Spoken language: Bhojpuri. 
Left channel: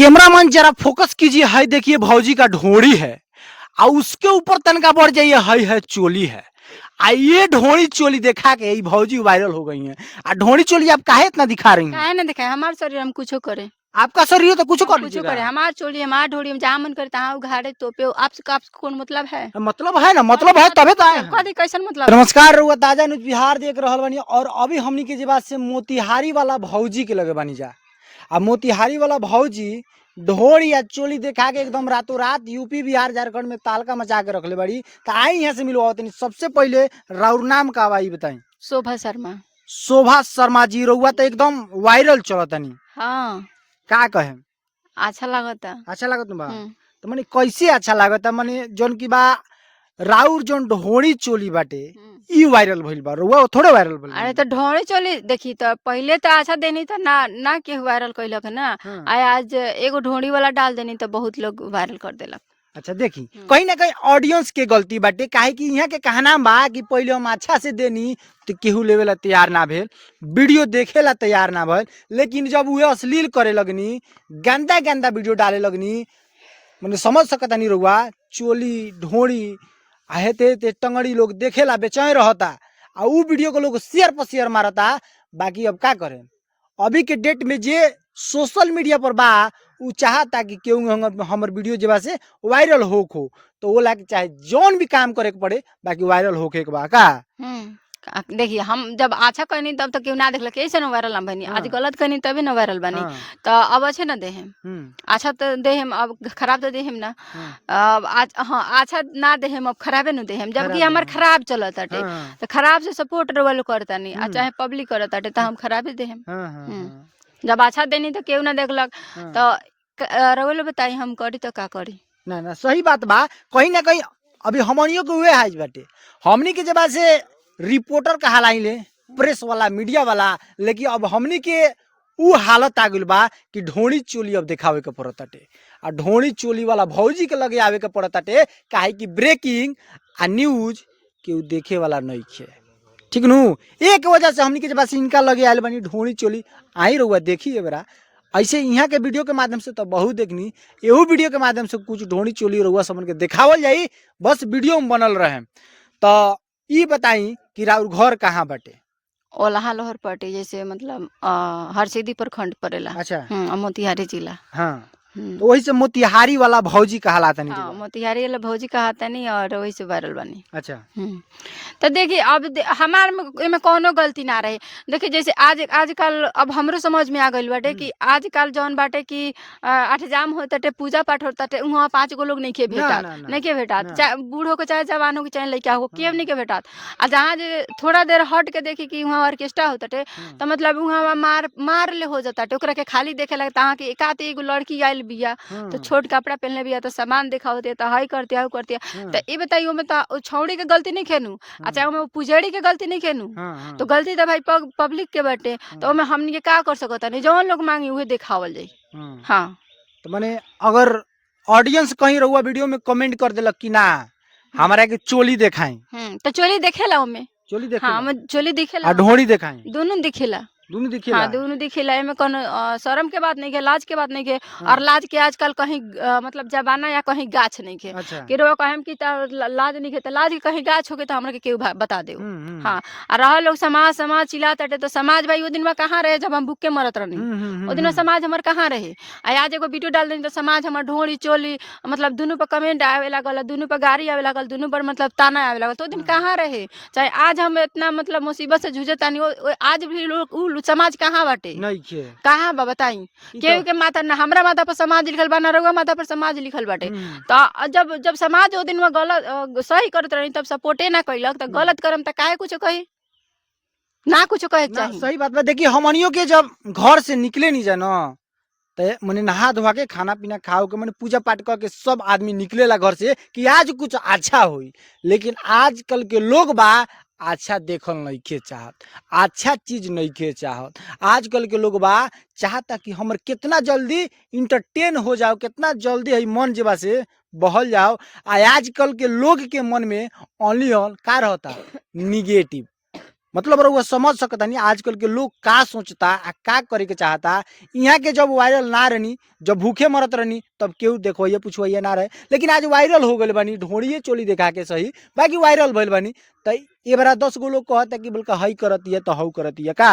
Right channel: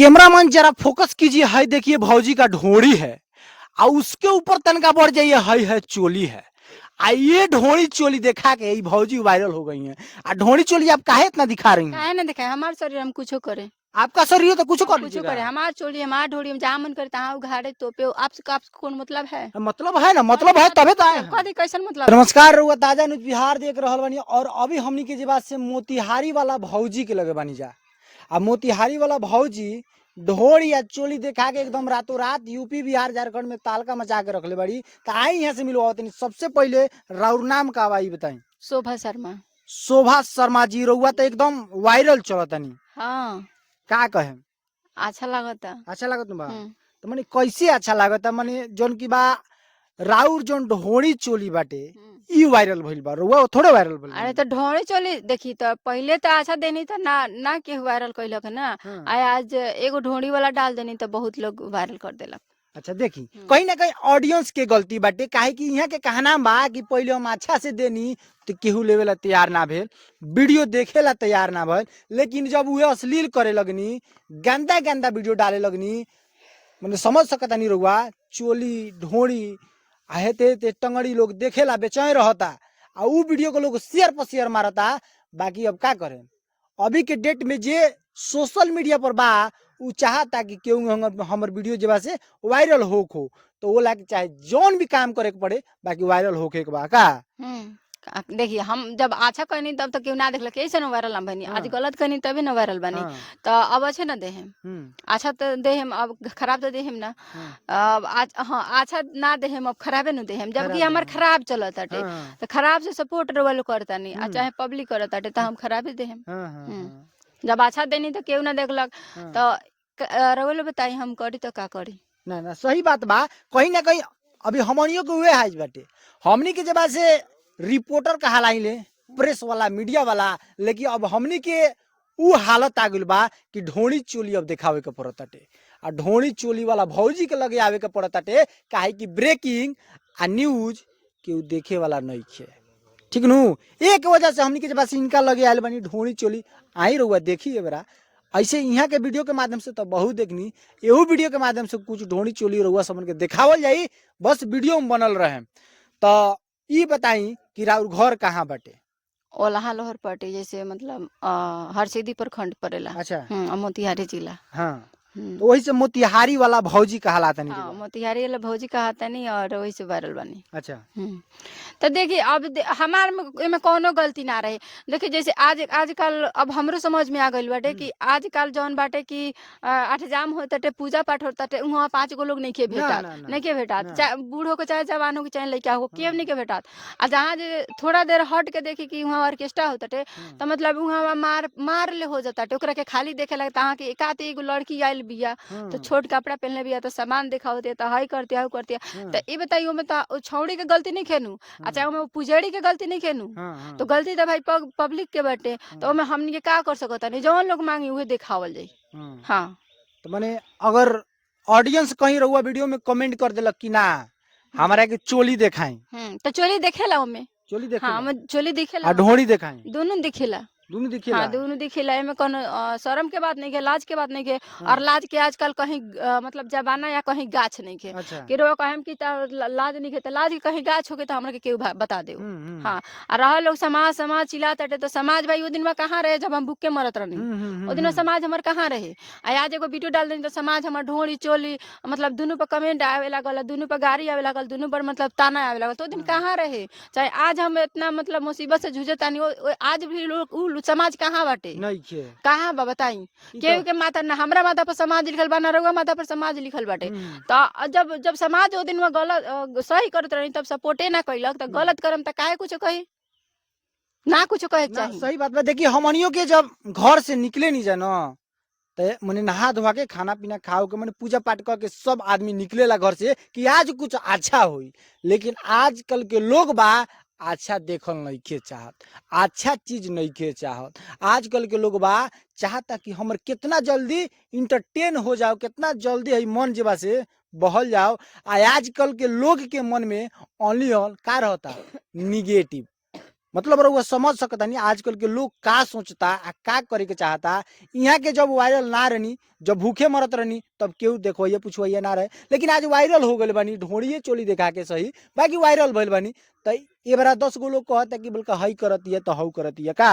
कैमरामैन जरा फोकस कीजिए। है देखिए भौजी का ढोड़ी है और उसके ऊपर तनका बढ़ जाइए है चोली है। आ ये ढोड़ी चोली देखा के ये भौजी वायरल हो गई है। आ ढोड़ी चोली आप काहे इतना दिखा रही हैं? काहे ना दिखाए हमार शरीर हम कुछ करे। आपका शरीर है तो कुछ कर कुछ लीजिएगा। करे हमार चोली हमार ढोड़ी हम जहाँ मन करे तहाँ उघाड़े तोपे। आपसे कौन मतलब है? मतलब है ना, मतलब है तबे तो आए हैं। कदी कैसन मतलब? नमस्कार रउआ ताजा न्यूज बिहार देख रहल बानी और अभी हमनी के जे बात से मोतिहारी वाला भौजी के लगे बानी जा। आ मोतिहारी वाला भौजी ढोड़ी या चोली देखा के एकदम रातों रात यूपी बिहार झारखंड में तालका मचा के रखले बड़ी। तो आई यहाँ से मिलवा तनी। सबसे पहले राउर नाम का बाई बताई। शोभा शर्मा। शोभा शर्मा जी, रउआ तो एकदम वायरल चलतनी। हाँ का कहे? अच्छा लगता। अच्छा लागत बा? तो मने कैसे अच्छा लागत? मने जोन की बा राउर जोन ढोड़ी चोली बाटे ई वायरल भइल बा, रउआ थोड़े वायरल भइल बा। अरे तो ढोड़ी चोली देखी तो पहले तो अच्छा देनी तो ना केहू वायरल कैलक है ना। हाँ। आज एगो ढोड़ी वाला डाल देनी तो बहुत लोग वायरल कर देलक। अच्छा देखी कहीं ना कहीं ऑडियंस के गलती बाटे। काहे कि यहाँ के कहना बा कि पहले हम अच्छा से देनी तो केहू लेवेला तैयार ना भेल, वीडियो देखेला तैयार ना भइल। लेकिन जब वो अश्लील करे लगनी, गंदा गंदा वीडियो डाले लगनी, मैंने समझ सकता नहीं रहुआ चोली ढोड़ी हेते ते टंगड़ी लोग देखेला बेचैन रहता आ उ वीडियो को लोग शेयर पर शेयर मारता। बाकी अब का करें, अभी के डेट में जे सोशल मीडिया पर बा उ चाहता कि केहू हमर वीडियो जे बा से वायरल होखो। तो वो लाके चाहे जोन भी काम करे के पड़े बाकी वायरल होके के बा का। देखिए हम जब अच्छा कहनी तब तो क्यों ना देखल कैसे ना वायरल हम बनी। आज गलत कहनी तभी ना वायरल बनी। तो अब अच्छे ना देहम, अच्छा तो देहम, अब खराब तो देहम ना। अब आज हाँ अच्छा ना देहम, अब खराबे न देहम। जबकि हमार खराब चलत अटे तो खराब से सपोर्ट रोल करता नहीं आ चाहे पब्लिक करत अटे तो हम खराबे देहम। जब अच्छा देनी तो केहू ना देखलक तो रोल बताई हम करी तो का करी। ना ना सही बात बा। कहीं ना कहीं अभी हमनियों के हुए हाज बाटे। हमनी के जब से रिपोर्टर कहलाइले, प्रेस वाला, मीडिया वाला, लेकिन अब हमनी के उ हालत आ गइल बा कि ढोड़ी चोली अब दिखावे के पड़ताटे। आ ढोड़ी चोली वाला भौजी के लगे आवे के पड़ताटे। काहे कि ब्रेकिंग आ न्यूज के देखे वाला नहीं खे, ठीक नु। एक वजह से हमनी के जब से इनका लगे आयल बनी ढोड़ी चोली। आई रहुआ देखी है बेरा ऐसे यहाँ के वीडियो के माध्यम से तो बहुत देखनी, एहू वीडियो के माध्यम से कुछ ढोड़ी चोली रहुआ समझ के दिखावल जाई, बस वीडियो में बनल रहे। तो ये बताई कि राउर घर कहाँ बाटे? ओलाहा लोहर पटे जैसे मतलब हरसिद्धि प्रखंड पड़ेला। अच्छा मोतिहारी जिला। हाँ तो वही से मोतिहारी वाला भौजी कहलाता नहीं। हाँ मोतिहारी वाला भौजी कहता नहीं और वही से वायरल बनी। अच्छा तो देखिए अब हमार में कोनो गलती ना रहे। देखिए जैसे आजकल अब हमरो समझ में आ गइल बाटे कि आजकल जौन बाटे कि अठजाम होताटे, पूजा पाठ होताटे, वहाँ 5 गो लोग नहीं के भेटात, नहीं के भेटात, चाहे बूढ़ हो के चाहे जवान हो के चाहे लड़का हो के नहीं के भेटात। आ जहाँ जे थोड़ा देर हट के देखी कि वहाँ ऑर्केस्ट्रा होताटे तो मतलब वहाँ मार ले हो जाताटे। ओकरा के खाली देखे लगता हाँ कि एकात एगो लड़की आइल बिया तो छोट कपड़ा पहनले बिया तो सामान दिखावत है तो हाई करती है करती है। तो ये बताइए में तो छौड़ी के गलती नहीं खेनू, अच्छा वो पुजेड़ी के गलती नहीं खेनू। तो गलती तो भाई पब्लिक के बाटे। तो में हमनी के का कर सकता नहीं, जौन लोग मांगी उहे दिखावल जाई। हाँ तो माने अगर ऑडियंस कहीं रहुआ वीडियो में कमेंट कर देलक कि ना हमारा के चोली दिखाई तो चोली देखेला ओमे, चोली देखेला, हाँ चोली दिखेला आ ढोड़ी दिखाई, दोनों दिखेला। दोनों दिखेला। हाँ दोनों दिखेला, एमे कोनो शर्म के बात नहीं है, लाज के बात नहीं है। और लाज के आजकल कहीं मतलब जमाना या कहीं गाछ नहीं है। अच्छा कि रो कहेम कि लाज नहीं है तो लाज के कहीं गाछ होके तो हमरा के केहू बता दे। हाँ और रह लोग समाज समाज चिल्लाते तो समाज भाई वो दिन में कहाँ रहे जब हम भूख के मरत रहनी। वो दिन में समाज हमार कहाँ रहे। आज एगो वीडियो डाल देनी तो समाज हमार ढोड़ी चोली मतलब दोनों पर कमेंट आवे लागल, दोनों पर गाड़ी आवे लागल, दोनों पर मतलब ताना आवे लागल। तो दिन कहाँ रहे। चाहे आज हम इतना मतलब मुसीबत से जूझे तानी, आज भी लोग समाज कहाँ बाटे, कहाँ बा बताई। केहू के माथा ना हमरा माथा पर समाज लिखल बा ना रउआ माथा पर समाज लिखल बाटे। तो जब समाज वो दिन में गलत सही करत रही तब सपोर्टे ना कैलक तो गलत करम तो काहे कुछ कही ना कुछ कहे चाहिए। सही बात बा। देखिए हमनियों के जब घर से निकले नहीं जाना तो मैंने नहा धोवा के खाना पीना खाओ के मैंने पूजा पाठ करके सब आदमी निकलेला घर से कि आज कुछ अच्छा हुई। लेकिन आजकल के लोग बा अच्छा देखल नहीं के चाहत, अच्छा चीज नहीं के चाहत। आजकल के लोग बा चाहता कि हमर कितना जल्दी इंटरटेन हो जाओ, कितना जल्दी है मन जेबा से बहल जाओ। आजकल के लोग के मन में ओनली ऑन का रहता निगेटिव। मतलब रउआ समझ सकता नहीं आजकल के लोग का सोचता आ का करे के चाहता। यहाँ के जब वायरल ना रहनी, जब भूखे मरत रहनी, तब केहू देखो ये पूछो ये ना रहे, लेकिन आज वायरल हो गए बानी ढोड़िए चोली दिखा के सही, बाकी वायरल भइल बानी। तो ये बड़ा 10 गो लोग कहता कि बल्कि हई करती है तो हऊ करती है का।